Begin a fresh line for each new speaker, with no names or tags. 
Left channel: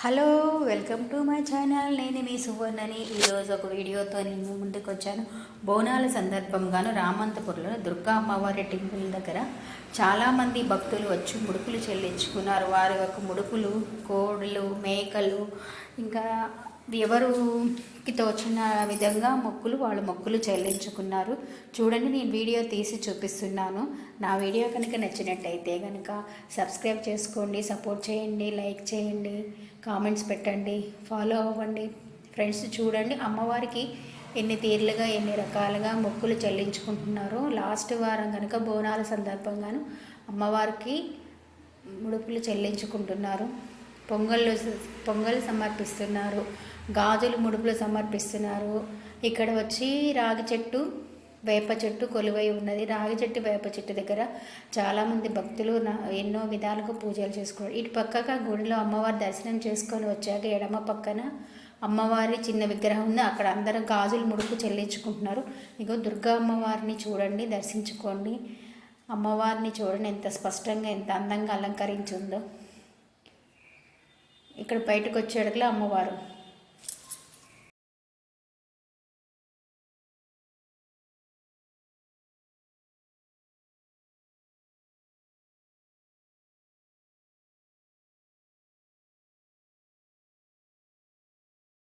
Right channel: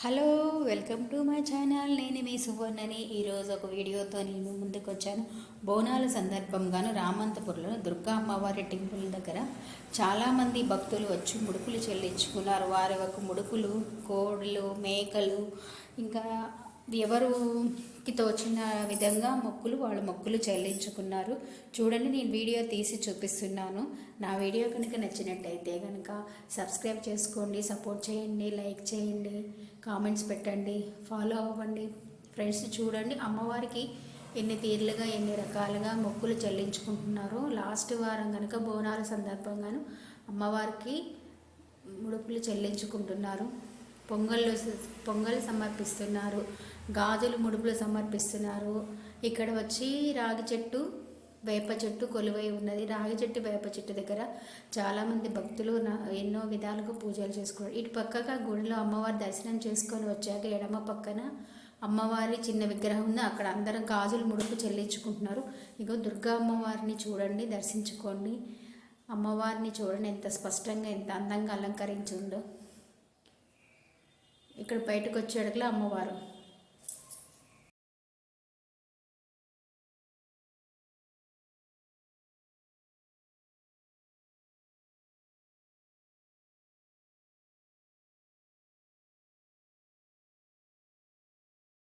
Hello welcome to my channel. నేను మీ సువర్ణని. ఈరోజు ఒక వీడియోతో నేను ముందుకు వచ్చాను బోనాల సందర్భంగాను రామంతపురంలో దుర్గా అమ్మవారి టెంపుల్ దగ్గర చాలామంది భక్తులు వచ్చి ముడుపులు చెల్లించుకున్నారు. వారి యొక్క ముడుపులు కోళ్ళు మేకలు ఇంకా ఎవరికి తోచిన విధంగా మొక్కులు వాళ్ళు మొక్కులు చెల్లించుకున్నారు. చూడండి నేను వీడియో తీసి చూపిస్తున్నాను. నా వీడియో కనుక నచ్చినట్టయితే కనుక సబ్స్క్రైబ్ చేసుకోండి సపోర్ట్ చేయండి లైక్ చేయండి కామెంట్స్ పెట్టండి ఫాలో అవ్వండి. ఫ్రెండ్స్ చూడండి అమ్మవారికి ఎన్ని తీర్లుగా ఎన్ని రకాలుగా మొక్కులు చెల్లించుకుంటున్నారో లాస్ట్ వారం కనుక బోనాల సందర్భంగాను అమ్మవారికి ముడుపులు చెల్లించుకుంటున్నారు. పొంగళ్ళు పొంగల్ సమర్పిస్తున్నారు. గాజులు ముడుపులు సమర్పిస్తున్నారు. ఇక్కడ వచ్చి రాగి చెట్టు వేప చెట్టు కొలువై ఉన్నది. రాగి చెట్టు వేప చెట్టు దగ్గర చాలామంది భక్తులు ఎన్నో విధాలుగా పూజలు చేసుకున్నారు. ఇటు పక్కగా గుడిలో అమ్మవారి దర్శనం చేసుకొని వచ్చాక ఎడమ పక్కన అమ్మవారి చిన్న విగ్రహం ఉంది. అక్కడ అందరం గాజులు ముడుపు చెల్లించుకుంటున్నారు. ఇగో దుర్గా అమ్మవారిని చూడండి దర్శించుకోండి. అమ్మవారిని చూడండి ఎంత స్పష్టంగా ఎంత అందంగా అలంకరించి ఉందో. ఇక్కడ బయటకు వచ్చేటప్పుడు అమ్మవారు.